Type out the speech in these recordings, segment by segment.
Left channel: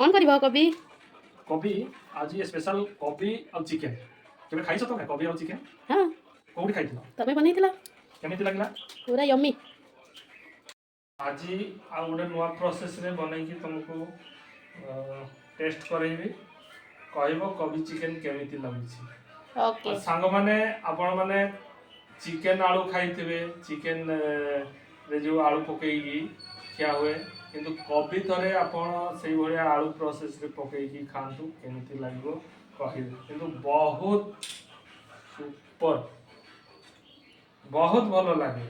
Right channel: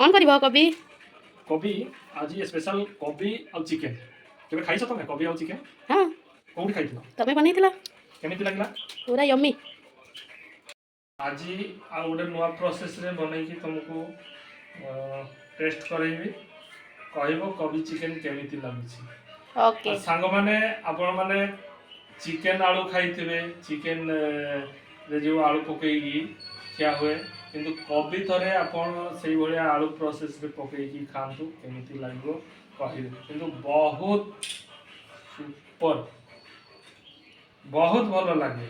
कौन कर कवि कोबी आज स्पेशल कोबी और चिकेन केबे खाइछ तमे कोबी और चिकेन हाँ कोउठी खाइथिलो तमें बनई केमिति लागला पूरा यम्मी आज आ गोटे नुआ प्रोसेस रे बनैकी तुमको टेस्ट करेबी कहबो कोबी चिकेन केमिति लाଗୁଛି ओके सांग माने आपण माने चिकेन आलू खाइथिबे चिकेन रे जो आलू पकेगी क्या हुए किंतु कोबी थरे आपण सेही भलिया आलू प्रोसेस रे पकेगी खांतु केमिति लागो कहिबे किंतु बहुत सुपर बहुत भलो लागे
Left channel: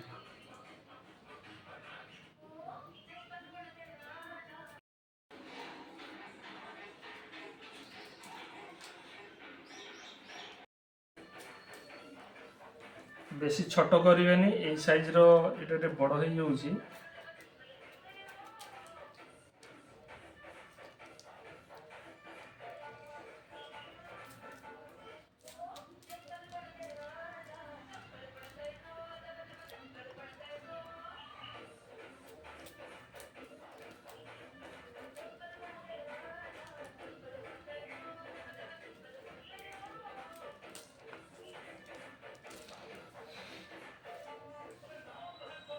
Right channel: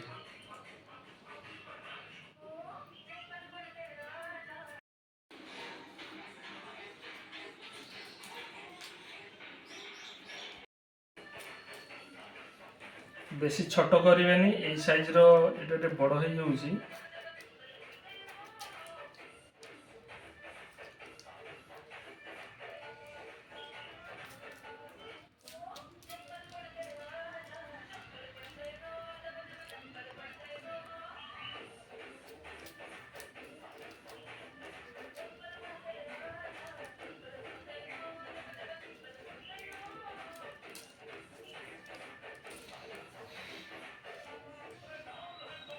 बेसी छोट करेनि ए साइज रो एटा बड़ हो जाउची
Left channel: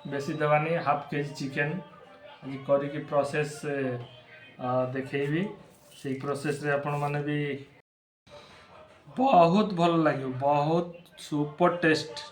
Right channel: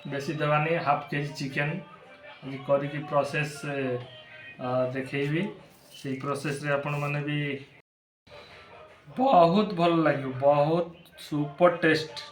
बेसी देवानी हाफ केजी चिकेन करी प्रोसेस देखेबी से प्रोसेस रे आपण माने भी बहुत भल लगे बहुत सुपर टेस्ट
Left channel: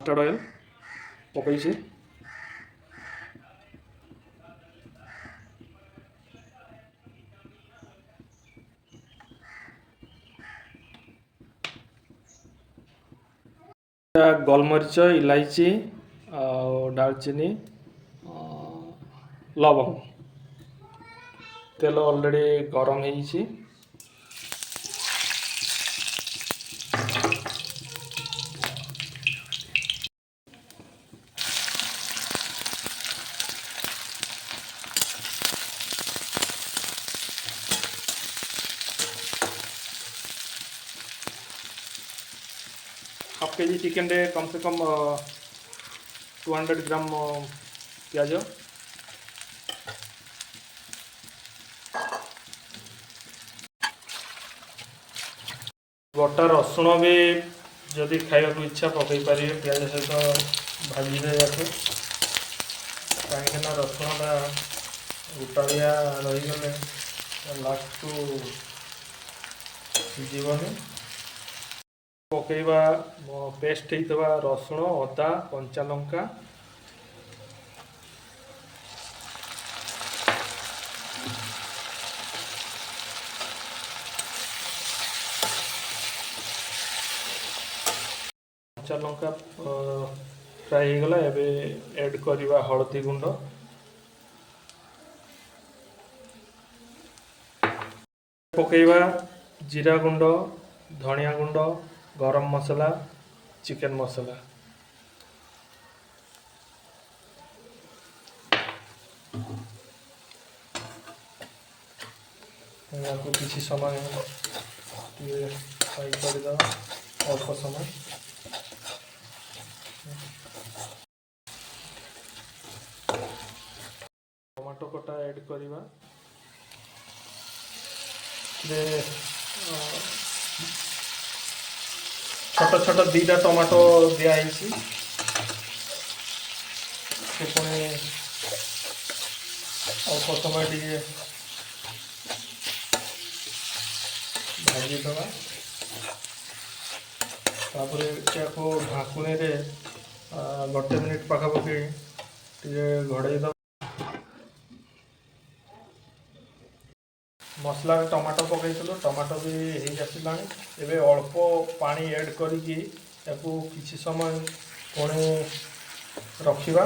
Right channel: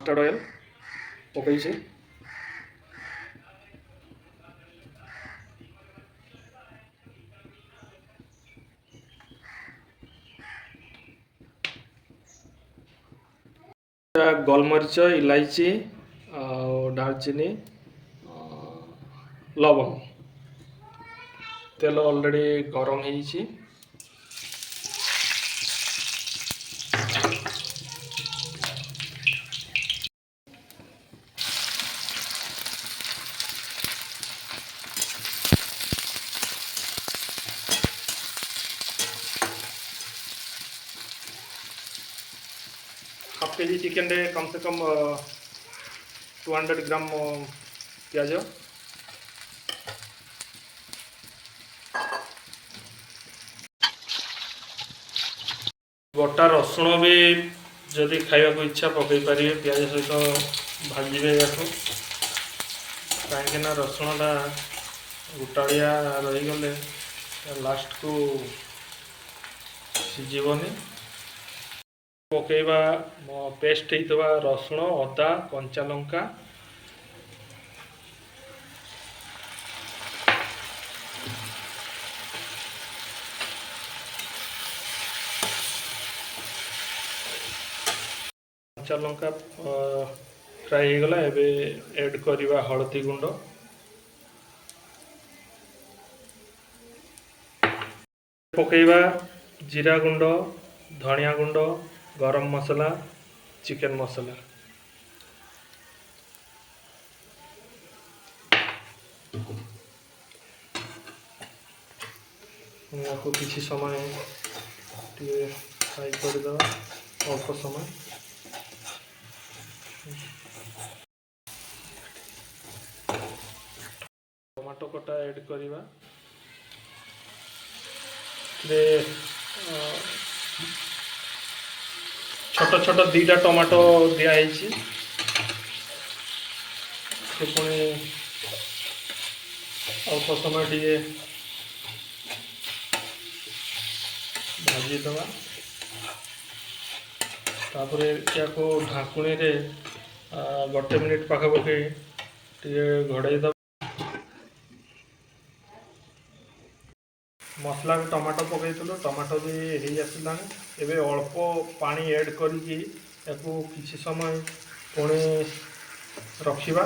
मस्टर्ड ऑयल पकई गोलमरीच इलायची दालचीनी लवंग तेल ऑलरेडी गरम है हाफ केजी चिकेन रे कम से कम 200 ग्राम प्याज गोटा रसुण भी जदि खाइबा इच्छा पकई पारे प्याज सहित भाजबे या कहीं रसुणटा गोटाड़िया रहीगले लास्ट को सिझबनी पकेबा पेस्ट होता रसुण अदा कंचा लंका कंचा लंका फ्राई हो गला एबे ऐड करवा हळदी गुंड पकेबा जीरा गुंड धनिया गुंड गरम मसला चिकन मसला या किसी समय फ्राई कर अल्प समय टमाटो कटा ऐड करवा छोट छोट दीटा टमाटो दिखाई पुणी अल्प समय टे भाजीद तापर या ढाकुणी गोटे मिनिट पाखापाखि घोड़े दब मसला टमाटो पकईलु टमाटो भी हो आसला एवं अल्प पानी ऐड करी किसी समय पुणी रखा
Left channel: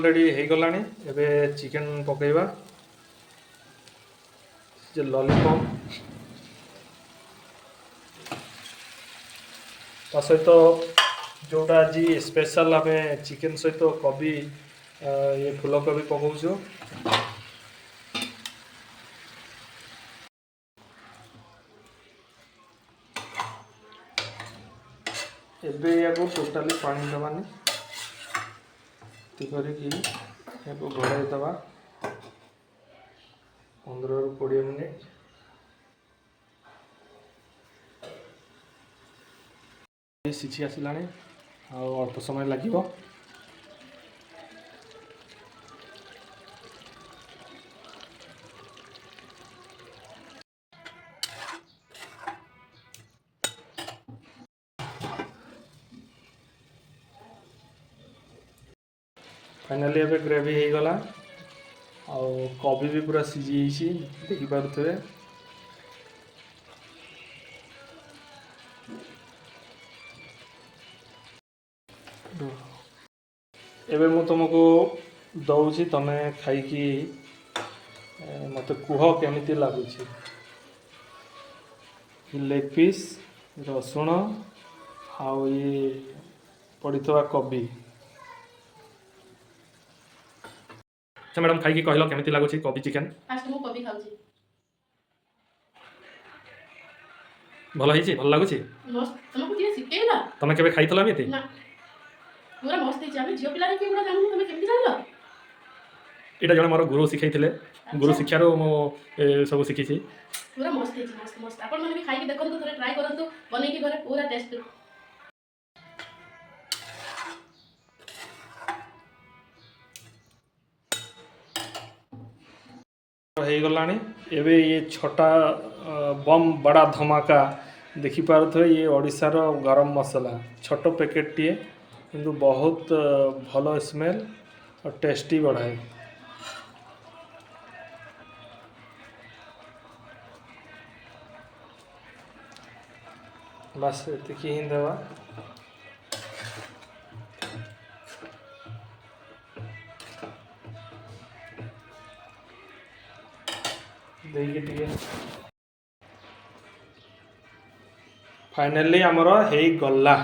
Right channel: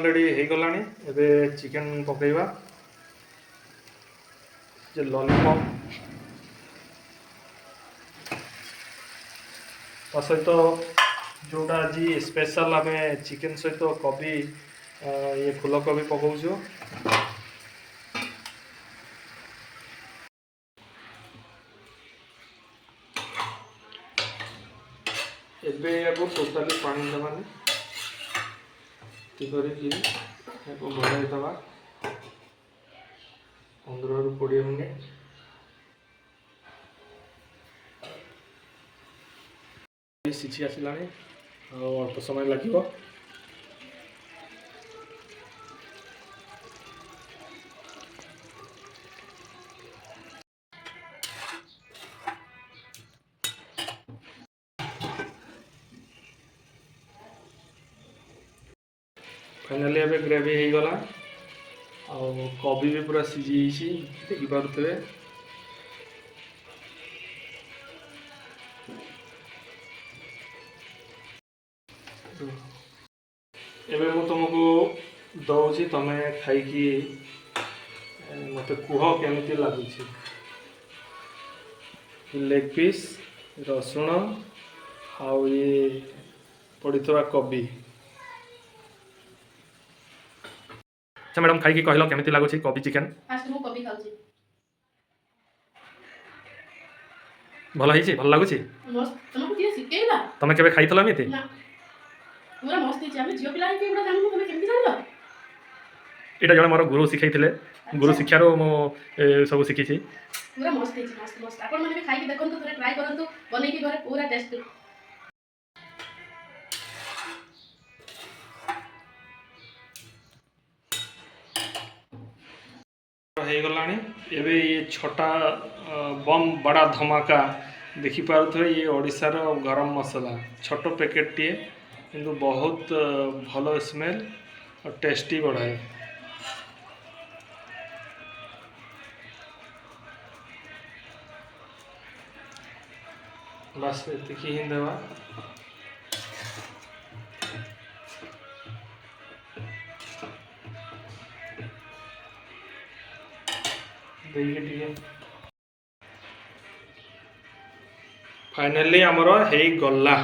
ऑलरेडी हो गलानी एबे चिकन पकेइबा जे लॉलीपॉप ता सहित जोटा आज स्पेशल आम चिकेन सहित कोबी ये फूलकोबी पकाउछु एबे याको टोटाली पानी देवानी करिकी याको घोड़ाई दबा 15 ରୁ 20 मिनिट सिझी आसलानी अल्प समय लगे फाइनाली एबे ग्रेवी हो गला कोबी भी पूरा सिझी देखी पारे एबे मु तुमको दौची तमे खाई मत कुह केमिति लगुच लेग पीस रसुण आउ ये पड़ीथवा कोबी अच्छा मैडम खाई कहल केमिति लगुच कोबी चिकेन फास्ट मु कोबी खाउची भल हिची भल लगुच मस्त तुमको किए सिकेला तमे केबे खाइतला एमिति ना पूरा मस्त हिची हम जियो पिला के पूरा जानू तमे केमिति जानलो एटा जण मोर गुरु सिखाइथिले गुरु शिक्षारो मो सब शिखिछि पूरा मस्त हिची मस्त मस्त आपण माने भी खाई के देखंतु थोड़ा ट्राई करंतु बनै के घरे पूरा टेस्ट हो गलानी एबे ये छोटा बम बड़ा धमाका देखी पारुथो ये ओडिशार गरम मसला छोट पैकेट टीए किंतु बहुत भलो स्मेल और टेस्टी बढ़ाए बस एतिकी ही देवा फाइनली आमर हो गला